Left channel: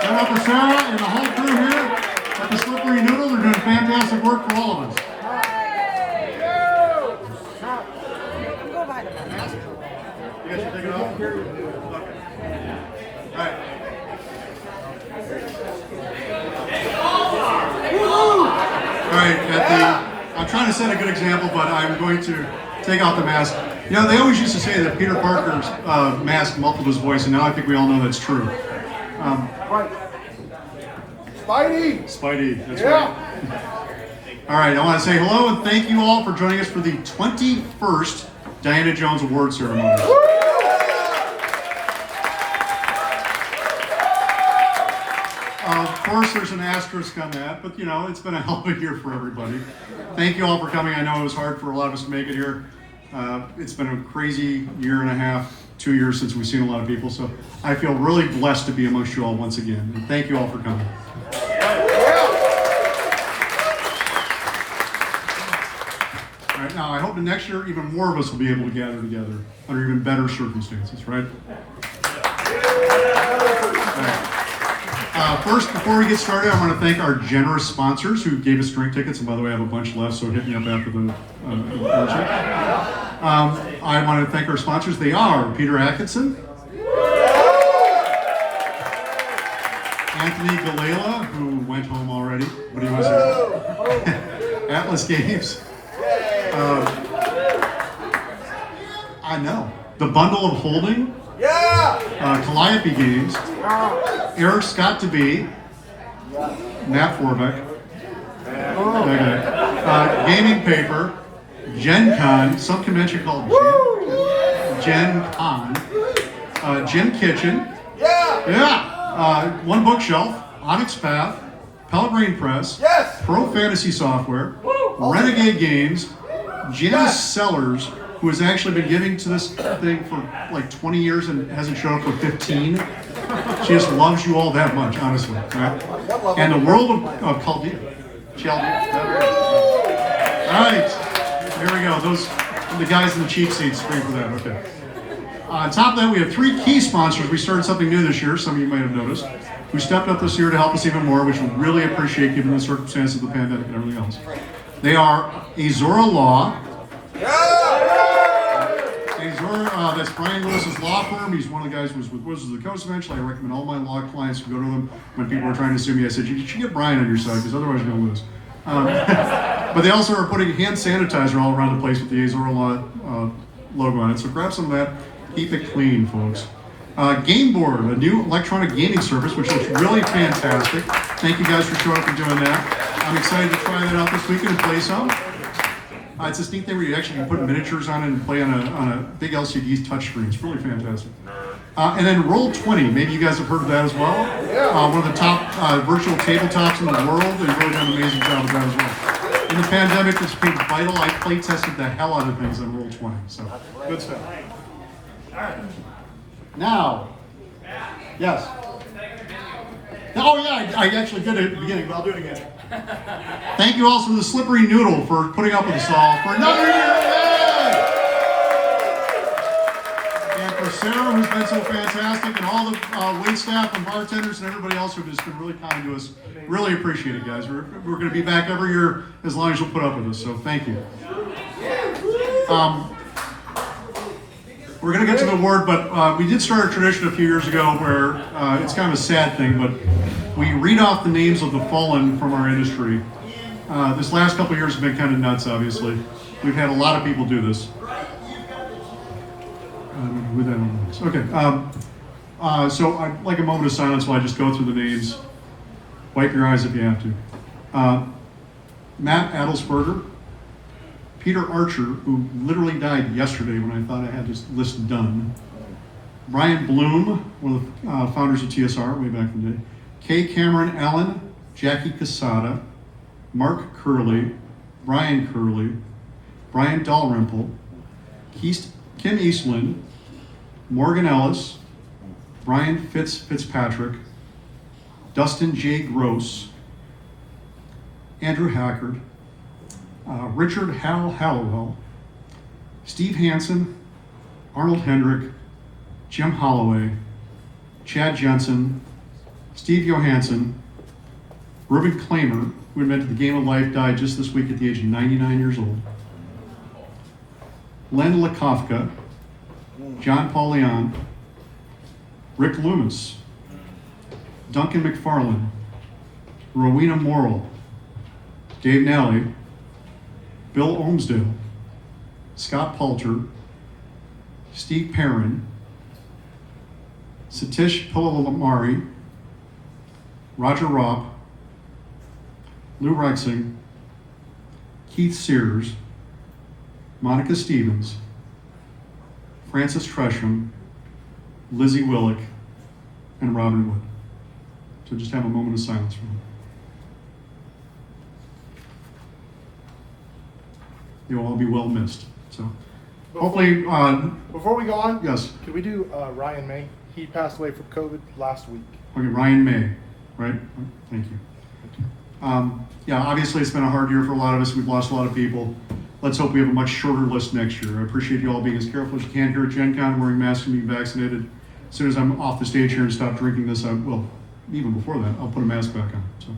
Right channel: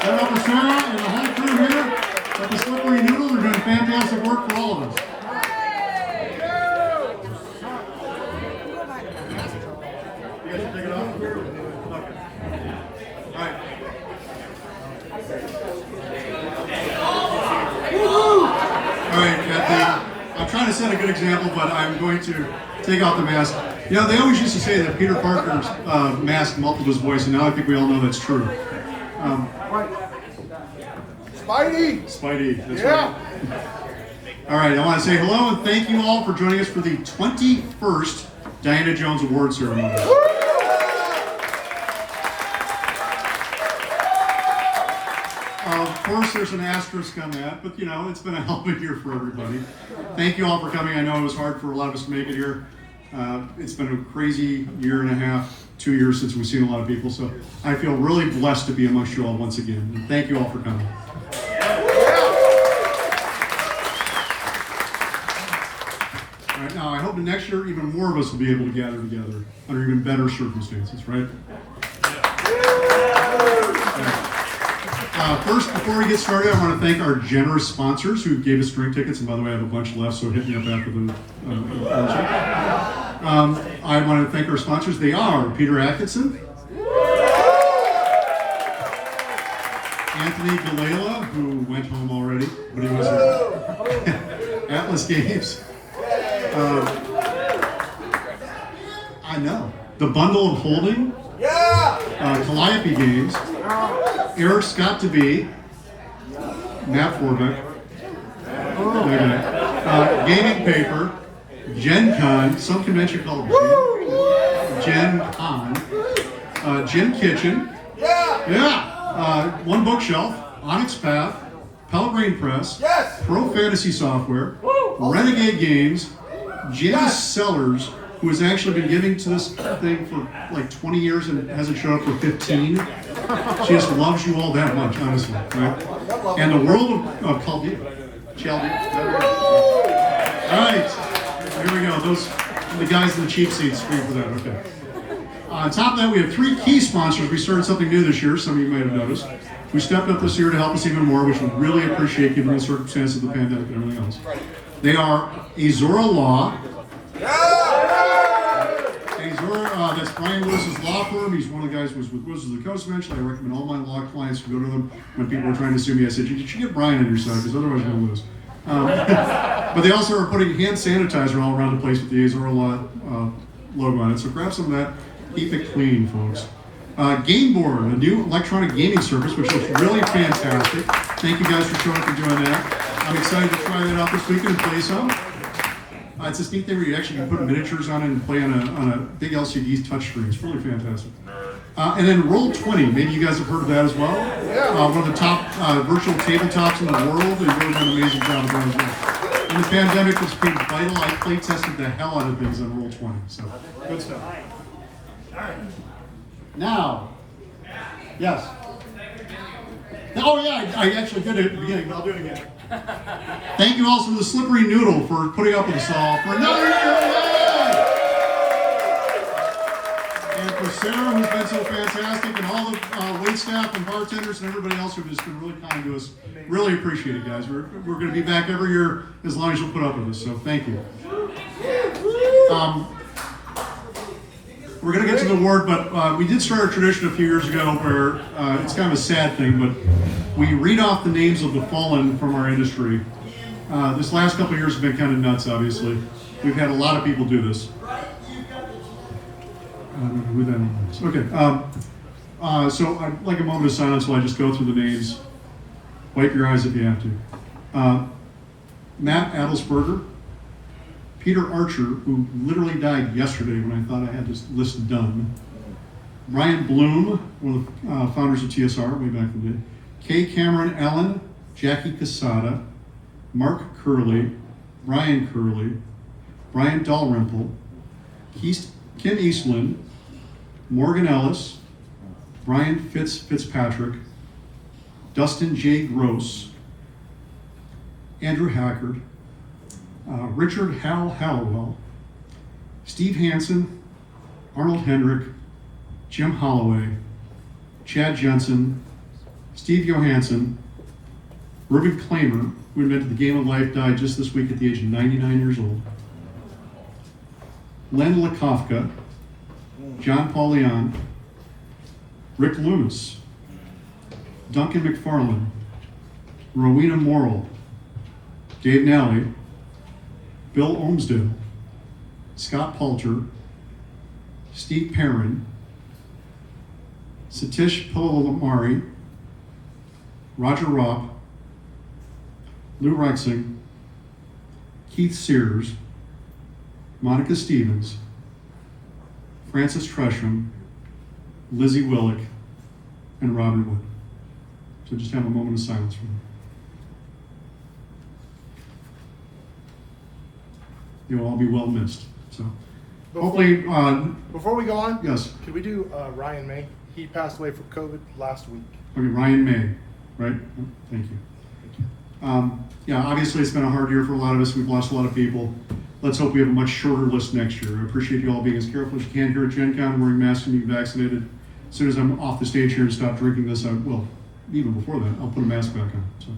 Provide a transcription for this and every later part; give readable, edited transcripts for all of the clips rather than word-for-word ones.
for Sarah and the whole crew here at the Slippery Noodle. They're doing fantastic work for all of us. You guys should take it off? Okay. All right. All right, I'm trying to set a good example, but I'm going to take off the mask. You know, they always used to say that Peter Parker's mask muffled his voice, and now I think we all know that's true. Right. Spidey, that's right. All right, I want to say hello and thank you all for joining us for the 21st Diana Jones Award Ceremony. Of course, there's an asterisk on that, but you know, it's been a hell of a year for everybody. Thank you all for coming. I know it was hard for a lot of us to make it here. It's been a crazy year and a half, 2 years since we've seen a lot of people, so I feel really blessed to be amongst you all once again. And thank you all for coming. All right, now I hope that next year even more of us will be able to gather together under even better circumstances, right? First, before we get started, I want to thank our generous sponsors who gave us drink tickets. And by the way, I have a bunch left, so hit me up after the function. I want to thank our sponsors. They are Peter Atkinson, Anthony Gallela, who went home already, but he was here. Atlas Games. I know. The Bundle of Holding. Calliope Games, Eric Scott to be, Matt Forbeck, Gaming Paper, Gen Con, some convention called Gen Con, Gym Kitchen, One Bookshelf, Onyx Path, Pelgrane Press, Pro Fantasy Software, Renegade Games, James Sellers, who has actually been giving to this thing for like 20 years and hasn't shown up for 15. She just loves you all that much, honestly. Right? And the world of Chaldea. All right, here we go. Those are the guys in the cheap seats. Scream for that. Okay. On top of that, we have 3 key sponsors. We started something new this year. Some of you might have noticed. Who stepped up this year to help us even more, which we really appreciate given the circumstances of the pandemic and everything else. They are Azora Law. That's Brian Lewis's law firm. He's one of the guys who was with Wizards of the Coast eventually. I recommend all my law clients to go to them when people are trying to sue me. I said, you should get Brian on your side because otherwise you're going to lose. But they also are putting hand sanitizer all around the place with the Azora Law logo on it. So grab some of that. Keep it clean, folks. Game Board, a new electronic gaming service, which looks really fantastic. Thank you guys for showing up and doing that. I'm excited to try that out this weekend and play some. It's this neat thing where you actually can put miniatures on it and play on a big LCD touchscreen. It's really fantastic. And then Roll20, maybe you guys have heard of that as well. One of the top virtual tabletops in the world. They've really done an amazing job of that as well. In the pandemic, it's been vital. I play tested the hell out of things on Roll20. So, good stuff. All right. Now, yes. Oh yeah, I actually did it at the beginning, but I'll do it again. Thank you also to the Slippery Noodle for putting up with us all for another year. And for Sarah, who's been so fantastic, and all the wait staff and bartenders and everybody else who've just been really kind to us. Really appreciate it, guys. We're going to be back every year as long as you'll put up with us, so thank you. We're going to get to the award, but we did start a tradition a few years ago where it's kind of a sad thing, but we read off the names of the fallen from our industry. This last couple of years have been kind of nuts, obviously. We've had a lot of people do this. Okay. So I'd like a moment of silence while I just go through the names. Wipe your eyes if you have to. Matt Adelsberger. Peter Archer, who literally died yesterday when I thought I had this list done. Brian Bloom, one of the founders of TSR way back in the day. Kay Cameron Allen, Jackie Casada, Mark Curley, Brian Curley, Brian Dalrymple, Kim Eastland, Morgan Ellis, Brian Fitzpatrick, Dustin J. Gross, Andrew Hackard, Richard Hal Hallowell, Steve Hansen, Arnold Hendrick, Jim Holloway, Chad Jensen, Steve Johansson, Reuben Klamer, who invented the game of life, died just this week at the age of 99 years old. Len Lakofka, John Paul Leon, Rick Loomis, Duncan McFarlane, Rowena Morrill, Dave Nally, Bill Olmsdale, Scott Palter, Steve Perrin, Satish Pillalamari, Roger Ropp, Lou Rexing, Keith Sears, Monica Stevens, Francis Tresham, Lizzie Willick, and Robin Wood. So just have a moment of silence for them. You'll all be well missed. So hopefully, Before we go on, yes. Can we do Ryan May? He passed away from COVID last week. Okay, Ryan May, right? Thank you. Yeah, obviously it's been a hard year for a lot of us. We've lost a lot of people. Let's hope we have a much shorter list next year. I appreciate you all being as careful as you can here at Gen Con, wearing masks and being vaccinated. As soon as I'm off the stage here and stop drinking this, even before that, I'll put a mask back on. So,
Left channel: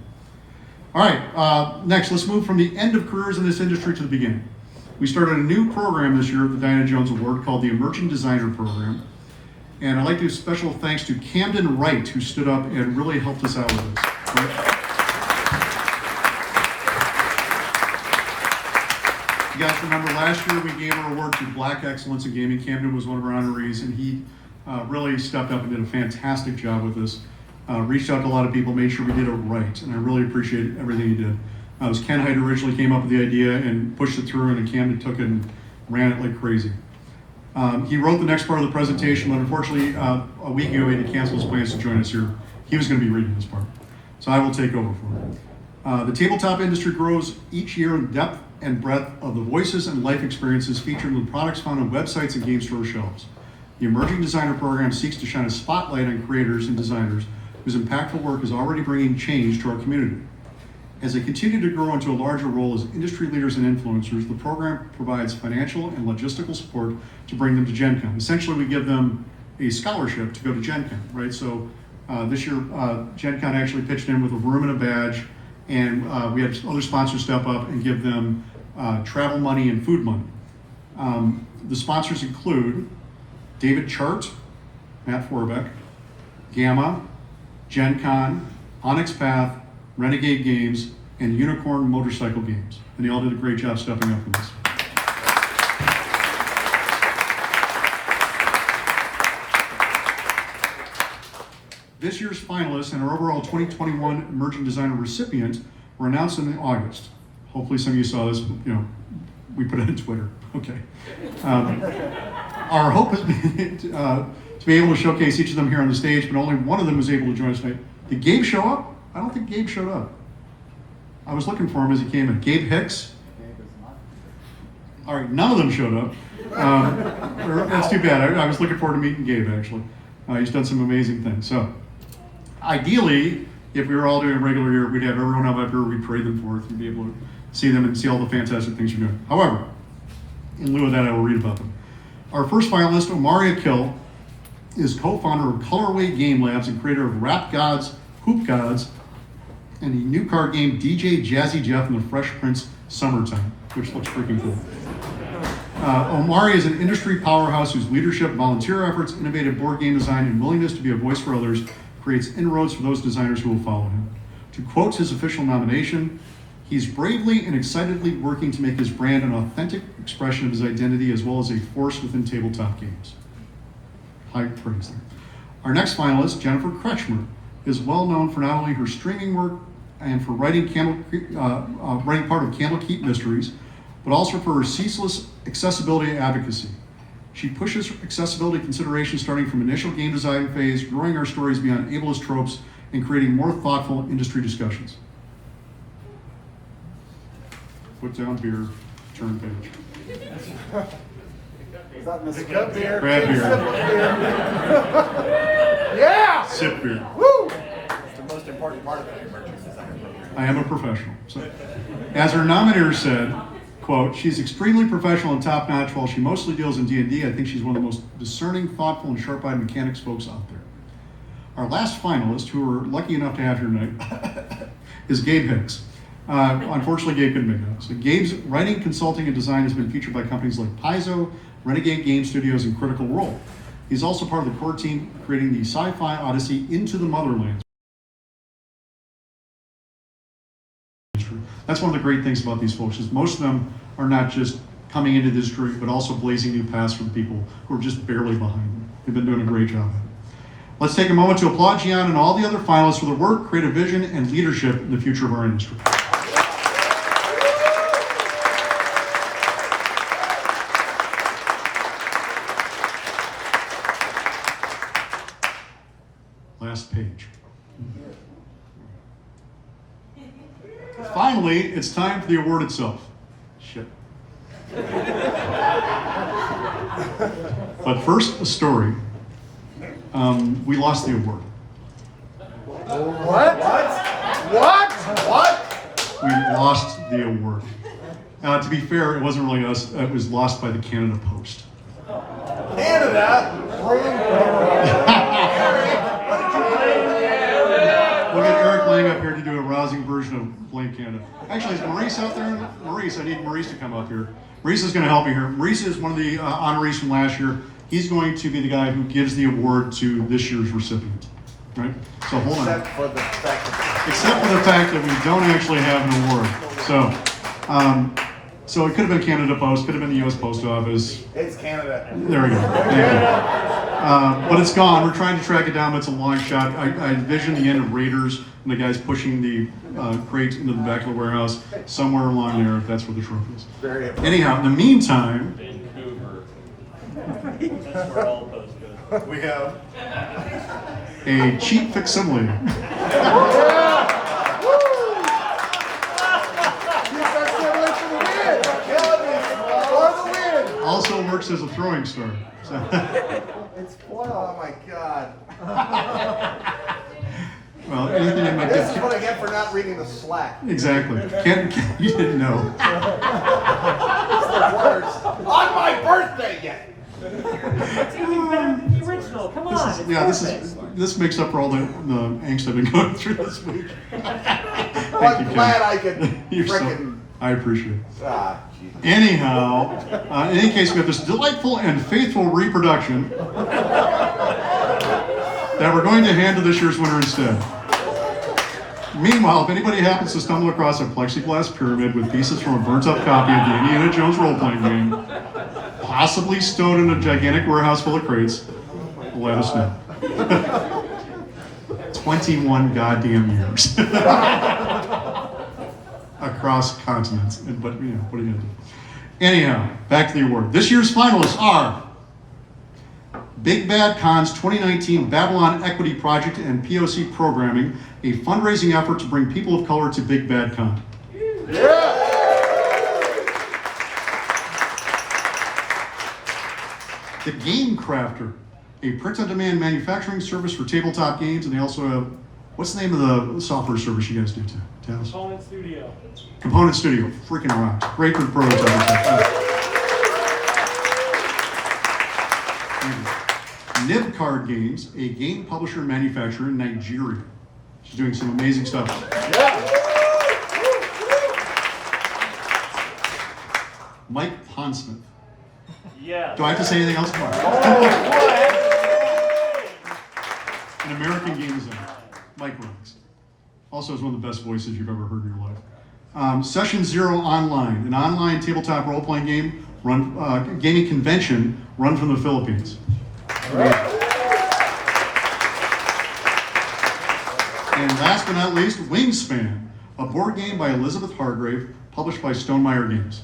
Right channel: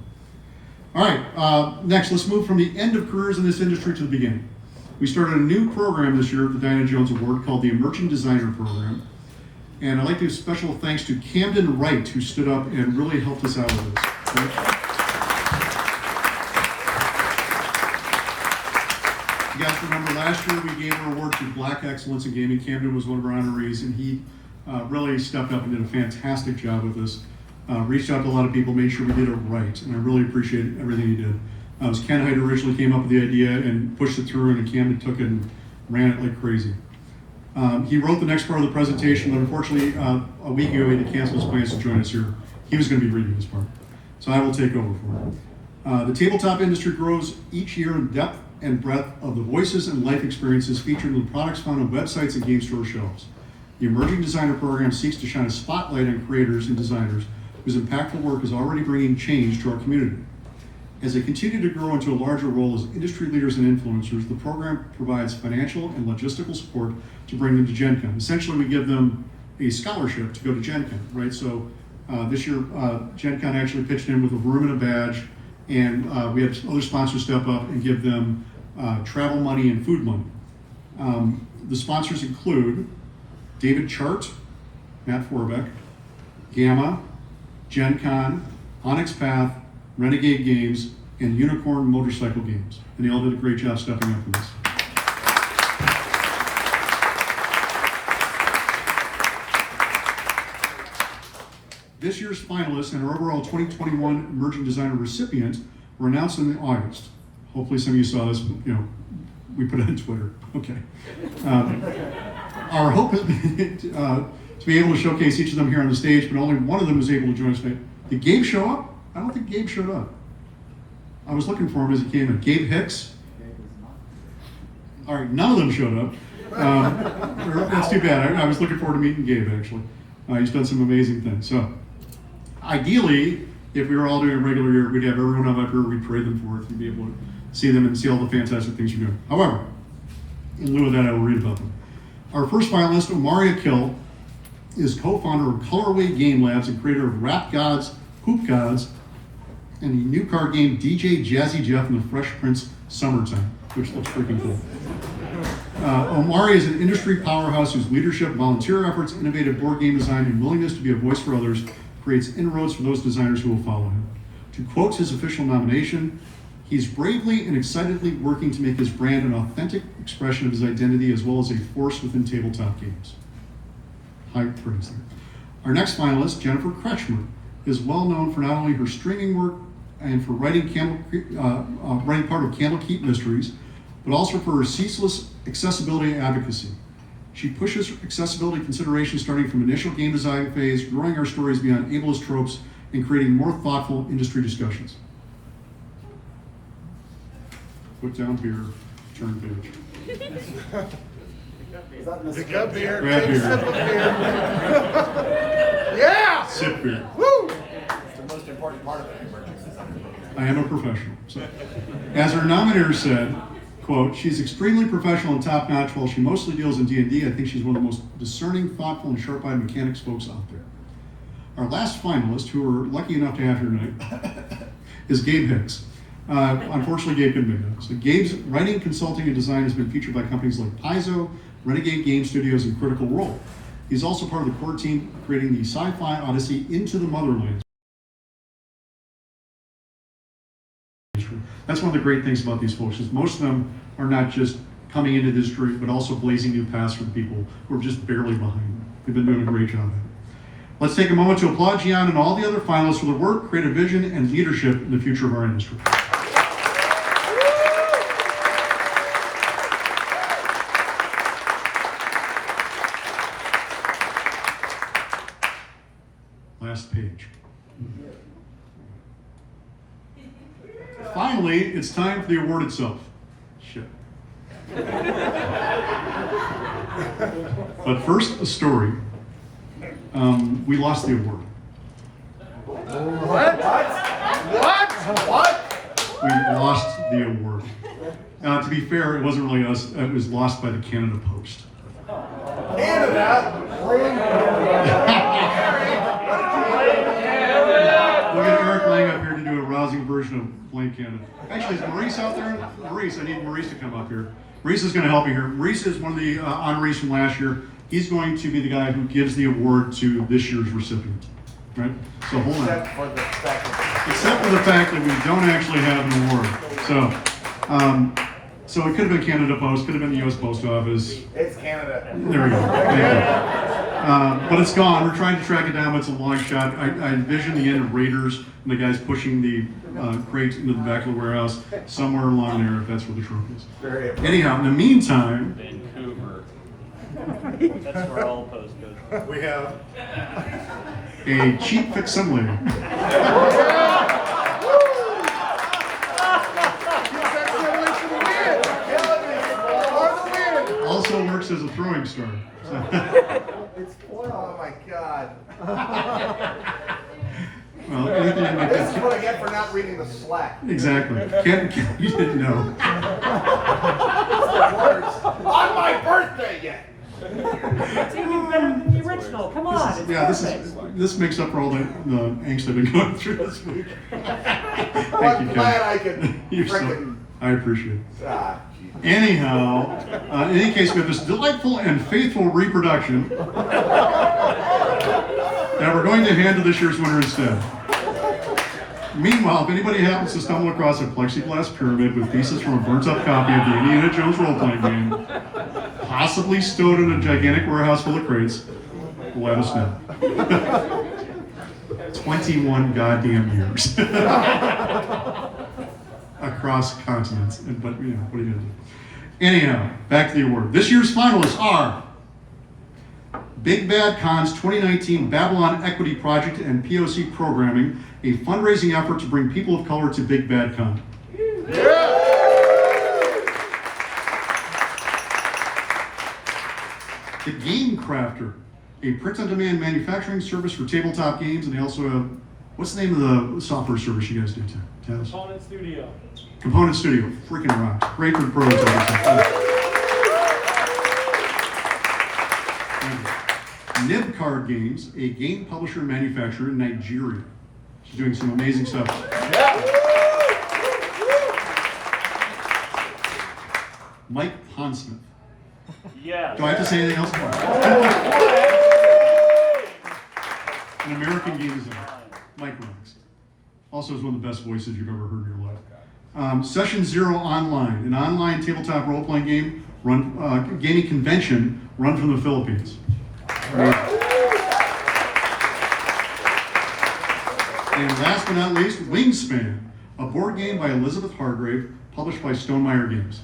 all right, next, let's move from the end of careers in this industry to the beginning. We started a new program this year at the Diana Jones Award called the Emerging Designer Program. And I'd like to give special thanks to Camden Wright, who stood up and really helped us out with this. Right? You guys remember last year we gave an award to Black Excellence in Gaming. Camden was one of our honorees, and he really stepped up and did a fantastic job with this. Reached out to a lot of people, made sure we did it right, and I really appreciate everything he did. It was Ken Hyde originally came up with the idea and pushed it through, and Camden took it and ran it like crazy. He wrote the next part of the presentation, but unfortunately, a week ago he had to cancel his plans to join us here. He was going to be reading this part, so I will take over for him. The tabletop industry grows each year in depth and breadth of the voices and life experiences featured in the products found on websites and game store shelves. The Emerging Designer Program seeks to shine a spotlight on creators and designers whose impactful work is already bringing change to our community. As they continue to grow into a larger role as industry leaders and influencers, the program provides financial and logistical support to bring them to Gen Con. Essentially, we give them a scholarship to go to Gen Con, right? So this year, Gen Con actually pitched in with a room and a badge, and we had other sponsors step up and give them travel money and food money. The sponsors include David Chart, Matt Forbeck, Gamma, Gen Con, Onyx Path, Renegade Games, and Unicorn Motorcycle Games. And they all did a great job stepping up for this. This year's finalists and our overall 2021 Emerging Designer recipient were announced in August. Hopefully some of you saw this, we put it on Twitter. Okay. Our hope is to be able to showcase each of them here on the stage, but only one of them was able to join us tonight. Did Gabe show up? I don't think Gabe showed up. I was looking for him as he came in. Gabe Hicks? All right, none of them showed up. That's too bad. I was looking forward to meeting Gabe, actually. He's done some amazing things. So, ideally, if we were all doing a regular year, we'd have everyone up here, we'd parade them forth, and be able to see them and see all the fantastic things you're doing. However, in lieu of that, I will read about them. Our first finalist, Omaria Kill, is co-founder of Colorway Game Labs and creator of Rap Gods, Hoop Gods, and the new card game DJ Jazzy Jeff and the Fresh Prince Summertime, which looks freaking cool. Omari is an industry powerhouse whose leadership, volunteer efforts, innovative board game design, and willingness to be a voice for others creates inroads for those designers who will follow him. To quote his official nomination, he's bravely and excitedly working to make his brand an authentic expression of his identity as well as a force within tabletop games. High praise. Our next finalist, Jennifer Kretschmer, is well known for not only her streaming work and for writing part of Candlekeep Mysteries, but also for her ceaseless accessibility advocacy. She pushes accessibility considerations starting from initial game design phase, growing our stories beyond ableist tropes, and creating more thoughtful industry discussions. Put down beer, turn page. Is that Mr. Beer? Grab beer. Yeah! Sip beer. Woo! It's the most important part of an emerging designer program. I am a professional. So, as her nominator said, quote, she's extremely professional and top-notch. While she mostly deals in D&D, I think she's one of the most discerning, thoughtful, and sharp-eyed mechanics folks out there. Our last finalist, who we're lucky enough to have here tonight, is Gabe Hicks. Unfortunately, Gabe couldn't make it. So Gabe's writing, consulting, and design has been featured by companies like Paizo, Renegade Game Studios, and Critical Role. He's also part of the core team creating the sci-fi odyssey Into the Motherland. That's one of the great things about these folks, is most of them are not just coming into this industry, but also blazing new paths for the people who are just barely behind them. They've been doing a great job at it. Let's take a moment to applaud Jeeyon and all the other finalists for their work, creative vision, and leadership in the future of our industry. Last page. Finally, it's time for the award itself. Shit. But first, a story. We lost the award. What? We lost the award. To be fair, it wasn't really us. It was lost by the Canada Post. Canada? We'll get Eric Lang up here to do a rousing version of Blame Canada. Actually, is Maurice out there? Maurice, I need Maurice to come up here. Maurice is going to help me here. Maurice is one of the honorees from last year. He's going to be the guy who gives the award to this year's recipient. Right? So hold on. Except for the fact that we don't actually have an award. So it could have been Canada Post, could have been the U.S. Post Office. It's Canada. There we go. Thank you. But it's gone. We're trying to track it down. It's a long shot. I envision the end of Raiders and the guys pushing the crates into the back of the warehouse somewhere along there, if that's where the trophy is. Very Anyhow, in the meantime, We have a cheap facsimile also works as a throwing star. So. It's oh my God. Well, anything to make This is what I get for not reading the Slack. Exactly. You didn't know. Words on my birthday yet. It's even better than the original. Come on. This makes up for all the angst I've been going through this week. Well, I'm glad I could frickin'. I appreciate it. Ah, Jesus. Anyhow, in any case, we have this delightful and faithful reproduction that we're going to hand to this year's winner instead. Meanwhile, if anybody happens to stumble across a plexiglass pyramid with pieces from a burnt-up copy of the Indiana Jones role-playing game, possibly stowed in a gigantic warehouse full of crates, let us know. 21 goddamn years. Across continents, but what are you gonna do? Anyhow, back to the award. This year's finalists are Big Bad Con's 2019 Babylon Equity Project and POC Programming, a fundraising effort to bring people of color to Big Bad Con. The Game Crafter, a print-on-demand manufacturing service for tabletop games, and they also have, what's the name of the software service you guys do, Taz? Component Studio. Component Studio, freaking rocks. Great for the prototyping. Nib Card Games, a game publisher and manufacturer in Nigeria. She's doing some amazing stuff. Mike Ponsmith. Yeah. Do I have to say anything else? An American game designer. Mike rocks. Also is one of the best voices you've ever heard in your life. Session Zero Online, an online tabletop role-playing game gaming convention run from the Philippines. And last but not least, Wingspan, a board game by Elizabeth Hargrave, published by Stonemeyer Games.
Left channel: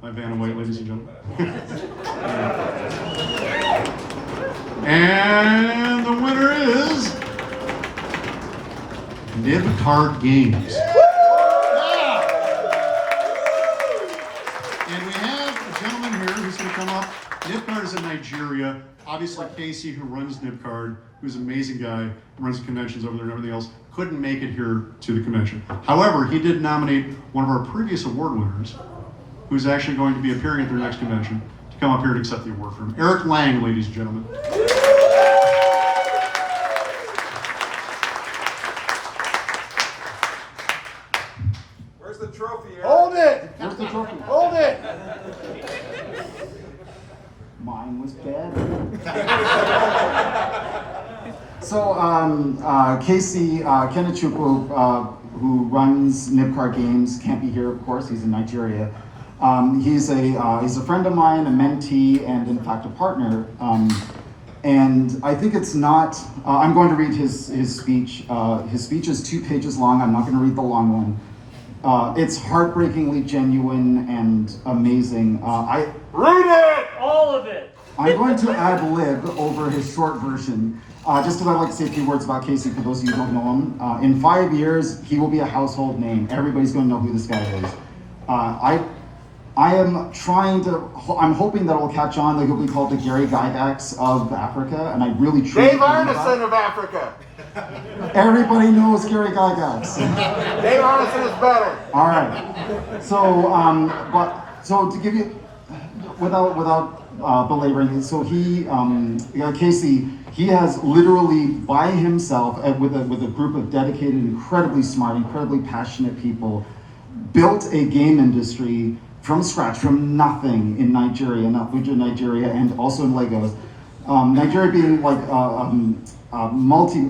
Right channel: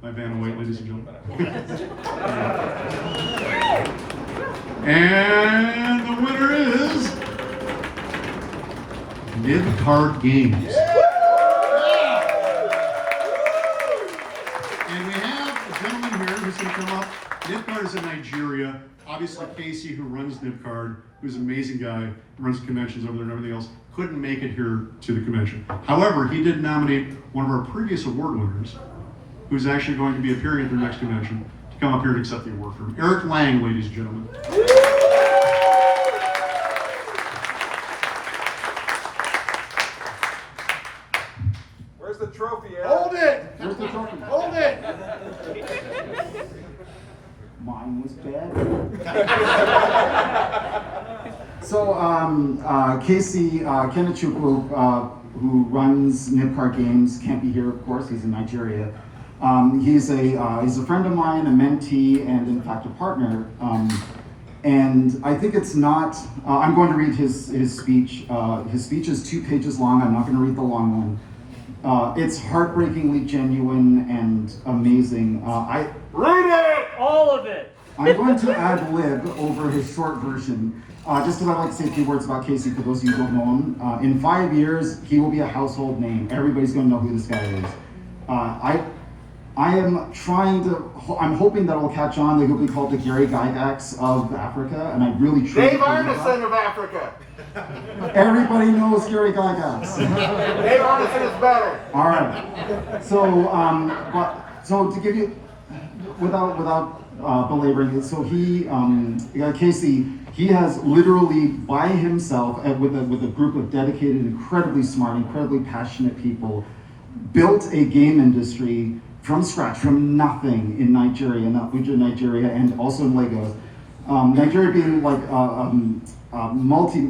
My Vanna White, ladies and gentlemen. And the winner is Nib Card Games. And we have a gentleman here who's going to come up. Nibcard is in Nigeria. Obviously, Casey, who runs Nibcard, who's an amazing guy, runs conventions over there and everything else, couldn't make it here to the convention. However, he did nominate one of our previous award winners, who's actually going to be appearing at their next convention, to come up here and accept the award from Eric Lang, ladies and gentlemen. Where's the trophy, Eric? Hold it! Where's the trophy? Hold it! Mine was better. So, Casey Kenechukwu, who runs Nibcar Games, can't be here, of course. He's in Nigeria. He's a friend of mine, a mentee, and in fact a partner. And I think it's not. I'm going to read his speech. His speech is 2 pages long. I'm not going to read the long one. It's heartbreakingly genuine and amazing. Read it! All of it. I'm going to ad lib over his short version, just because I'd like to say a few words about Casey for those of you who don't know him. In 5 years, he will be a household name. Everybody's going to know who this guy is. I am I'm hoping that will catch on, that he'll be called the Gary Gygax of Africa, and I really truly Dave believe that. Arneson of Africa. Everybody knows Gary Gygax. Dave Arneson is better. All right. So, to give you, without belaboring it, so Casey, he has literally by himself, with a group of dedicated, incredibly smart, incredibly passionate people, built a game industry from scratch, from nothing in Nigeria, in Abuja, Nigeria, and also in Lagos. Nigeria being like multi,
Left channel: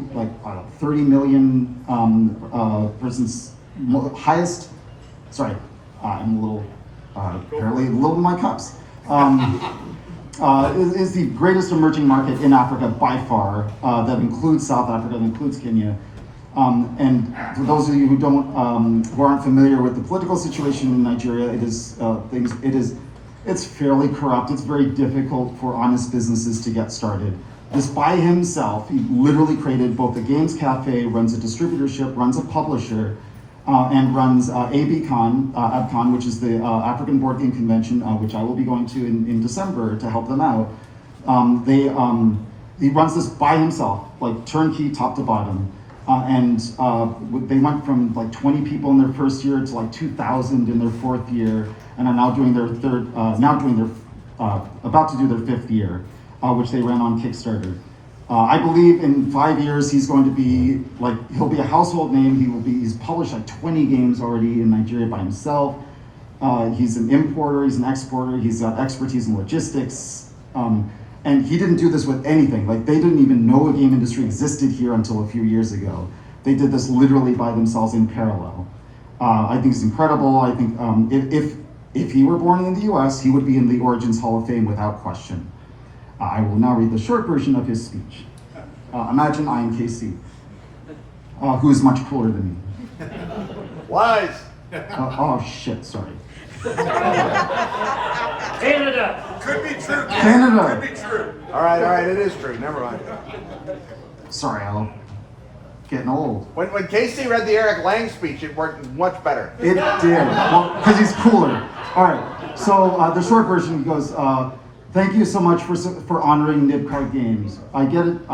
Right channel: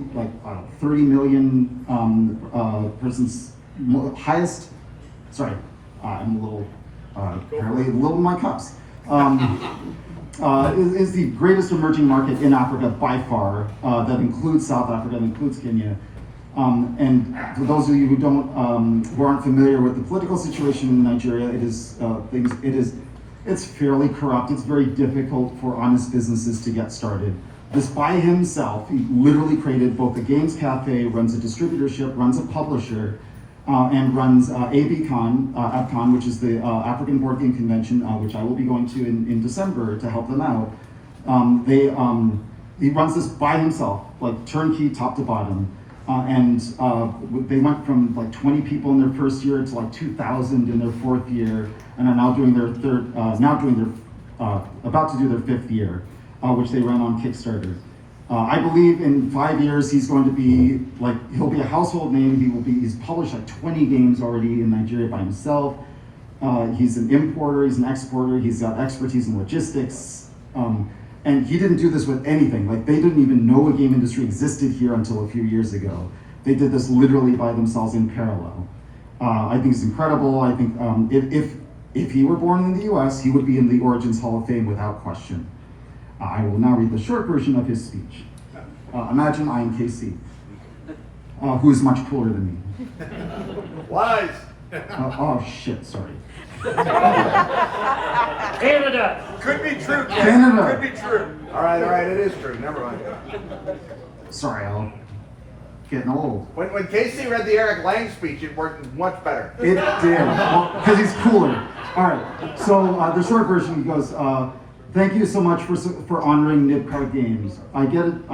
30 million persons, highest. Sorry, I'm a little apparently a little in my cups. Is the greatest emerging market in Africa by far. That includes South Africa, that includes Kenya. And for those of you who who aren't familiar with the political situation in Nigeria, it's fairly corrupt. It's very difficult for honest businesses to get started. This by himself, he literally created both a games cafe, runs a distributorship, runs a publisher, and runs ABCon, which is the African Board Game Convention, which I will be going to in December to help them out. He runs this by himself, like turnkey, top to bottom. They went from like 20 people in their first year to like 2,000 in their 4th year, and are now doing their about to do their 5th year, which they ran on Kickstarter. I believe in 5 years he's going to be he'll be a household name. He's published like 20 games already in Nigeria by himself. He's an importer, he's an exporter, he's got expertise in logistics. And he didn't do this with anything. They didn't even know a game industry existed here until a few years ago. They did this literally by themselves in parallel. I think it's incredible. I think if he were born in the US, he would be in the Origins Hall of Fame without question. I will now read the short version of his speech. Imagine I am KC, who is much cooler than me. Lies. Oh shit, sorry. Canada. Could be true. Canada. Could be true. All right, it is true. Never mind. Sorry, Al. Getting old. When Casey read the Eric Lang speech, it worked much better. It did, because he's cooler. All right, so the short version goes, thank you so much for honoring Nibcar Games. I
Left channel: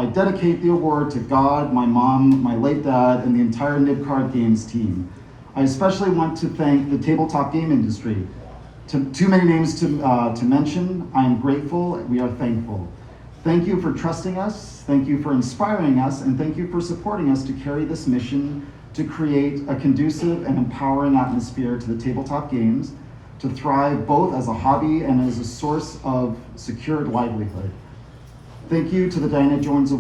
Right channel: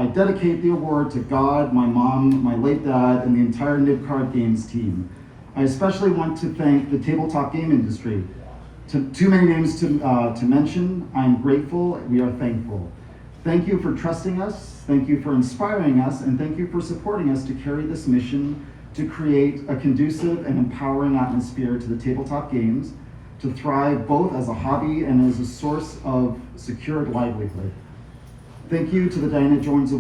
dedicate the award to God, my mom, my late dad, and the entire Nibcar Games team. I especially want to thank the tabletop game industry. Too many names to mention. I am grateful. We are thankful. Thank you for trusting us. Thank you for inspiring us, and thank you for supporting us to carry this mission to create a conducive and empowering atmosphere to the tabletop games, to thrive both as a hobby and as a source of secured livelihood. Thank you to the Diana Jones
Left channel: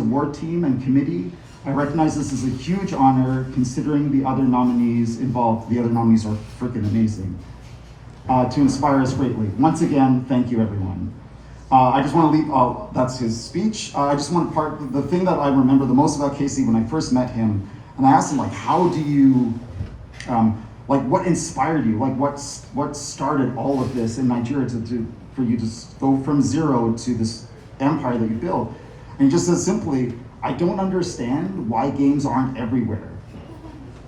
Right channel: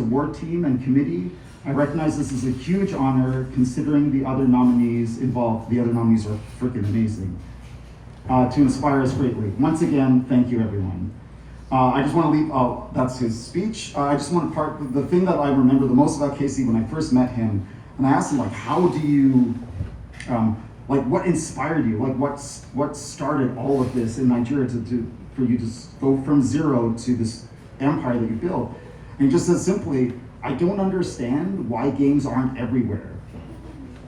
Award team and committee. I recognize this is a huge honor considering the other nominees involved. The other nominees are freaking amazing. To inspire us greatly. Once again, thank you everyone. I just want to leave, that's his speech. I just want to the thing that I remember the most about Casey when I first met him, and I asked him how do you, what inspired you? What started all of this in Nigeria for you to go from zero to this empire that you built? And he just says simply, I don't understand why games aren't everywhere.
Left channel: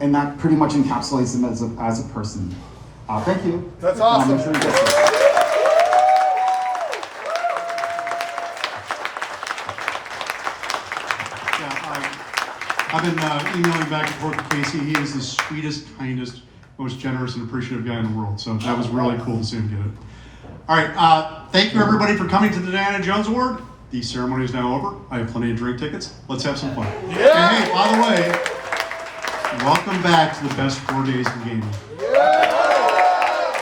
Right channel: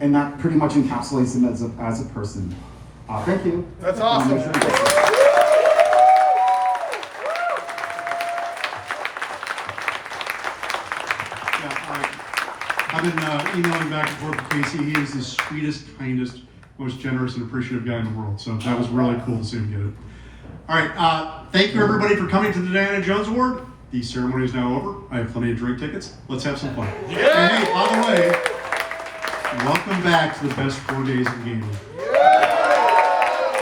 And that pretty much encapsulates him as a person. Thank you. That's awesome. I've been emailing back and forth with Casey. He is the sweetest, kindest, most generous and appreciative guy in the world. So that was really cool to see him get it. All right, thank you everybody for coming to the Diana Jones Award. The ceremony is now over. I have plenty of drink tickets. Let's have some fun. Yeah. And hey, by the way, welcome back to the best 4 days in gaming.